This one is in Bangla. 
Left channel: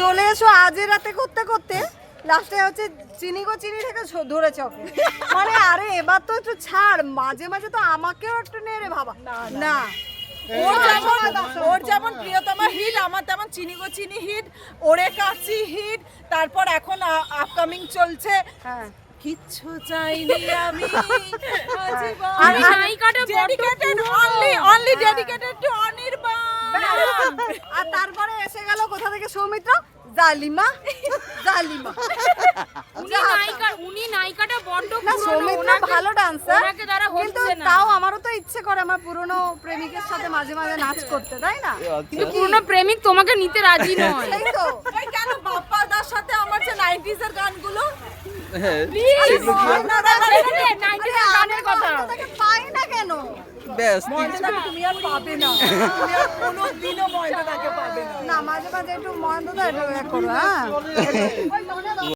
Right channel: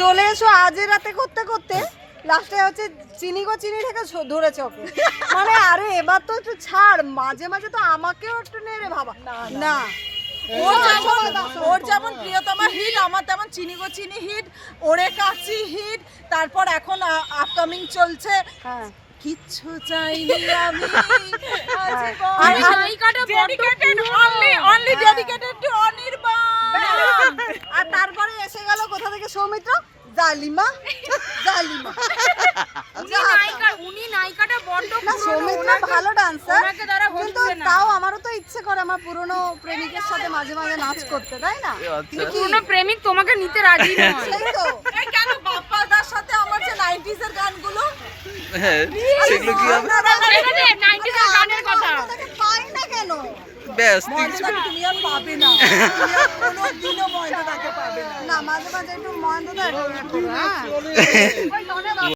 চলে এসো আজের রাতে করতে করতে লাস্টে হচ্ছে চিনি গো চিনি থেকে ধরেছে ওকে। মানে আরে এবার তো একটু ছাড়, মাঝে মাঝে তো আমাকেও একটু নেড়ে ভাবা না। ওর যেমন প্রিয়তমা হিট, আমার তেমন চিনি গো চিনি হিট, ওরে কাছি হিট, তারপর এখন আপকামিং চলছে হ্যাঁ কিচ্ছু চাইনি আমি আর dedicated only dedicated to Anirban. আর তারপরে এসে গেল কোথা থেকে সৌমিত্র, জালিমা জালিমা। উনি নায়িকাটা বড্ড না সৌমিত্র ভালো ডান্সার, ওনাকে যারা কিন্তু হচ্ছে না। তাও আমারও তো ইচ্ছে করে আমার পুরনো প্রেমিকের সাথে মাঝে মাঝে নাচ করতে, তাই না? আচ্ছা পুরনো প্রেমিক তোমাকে নিতে রাজি নয়। সেই তো এই কেন বাপ্পাদার সাথে আমার যে 90s এর গানগুলো হ্যাঁ সেগুলো কি হবে ছেড়ে দে 90s এর গানের কথা। তাকে পাই না কেন? ব্যাস ময়দাটাকে তুমি আর পাবে না, তুমি আর কোনোদিনও ময়দাটাকে পাবে না। না মাঝে মাঝে একটু মহেন্দ্র দা একটু করো, হ্যাঁ